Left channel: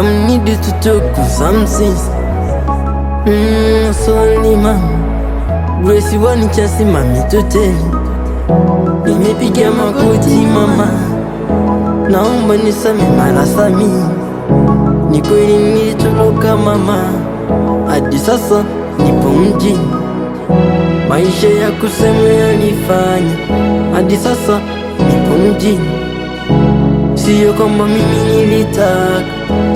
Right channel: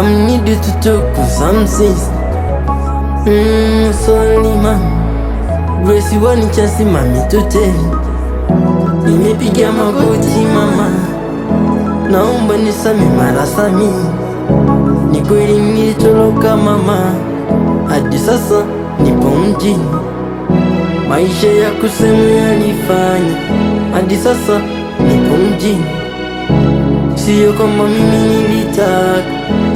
Some need to talk to some sense. Sorry mama, Grace wani chasi mami tuteli. Nimepiga magoti mama, naomba nisame mara sami. Ni kweli nilitoroka mama, hadi sasa nipo mjini. Maisha ya kusema yalifanya hadi sasa nipo mjini. Sio kama mimi nilitaka,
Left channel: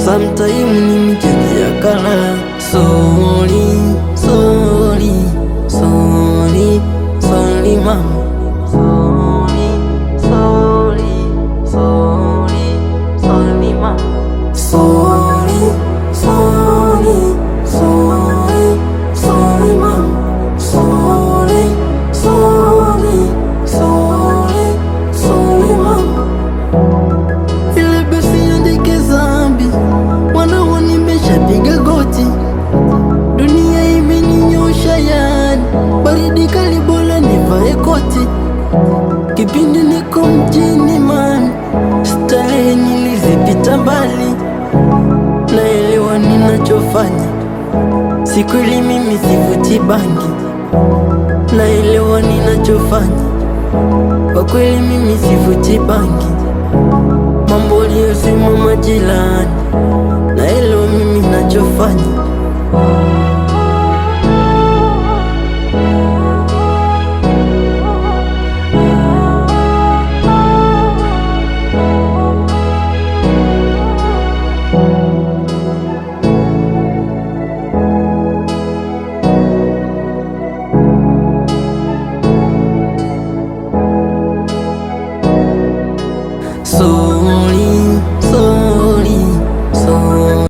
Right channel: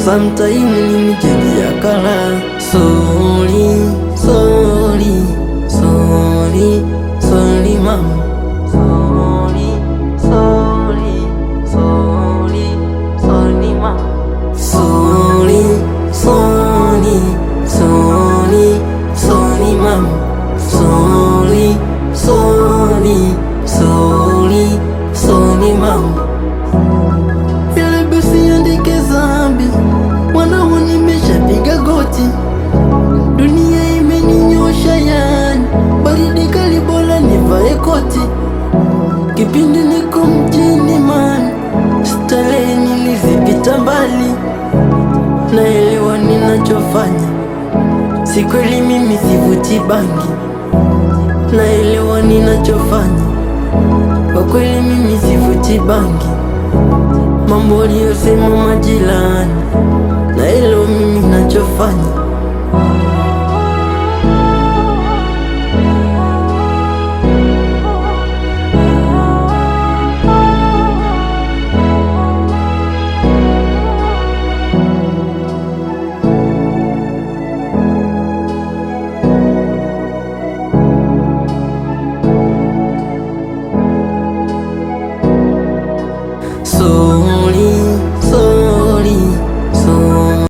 sometime nimejia kala. Sorry, sorry, sorry, sorry mama. Sorry, sorry, sorry, sorry mama. Sorry, sorry, sorry, sorry mama. Sorry, sorry, sorry, sorry mama. Ile basi andike zambi, wanao nimeshapiga goti. Dunia imeninyosha yani, baridi kali bora nivae koti. Kipindi niko mjini man, starehe nilizipita mbali. Naelewa ninachofanya, si kweli mimi sivuti bangi. Naelewa ninachofanya, kwa kweli mimi sivuti bangi. Mambo aliyosema majirani, naelewa mimi nachofanya.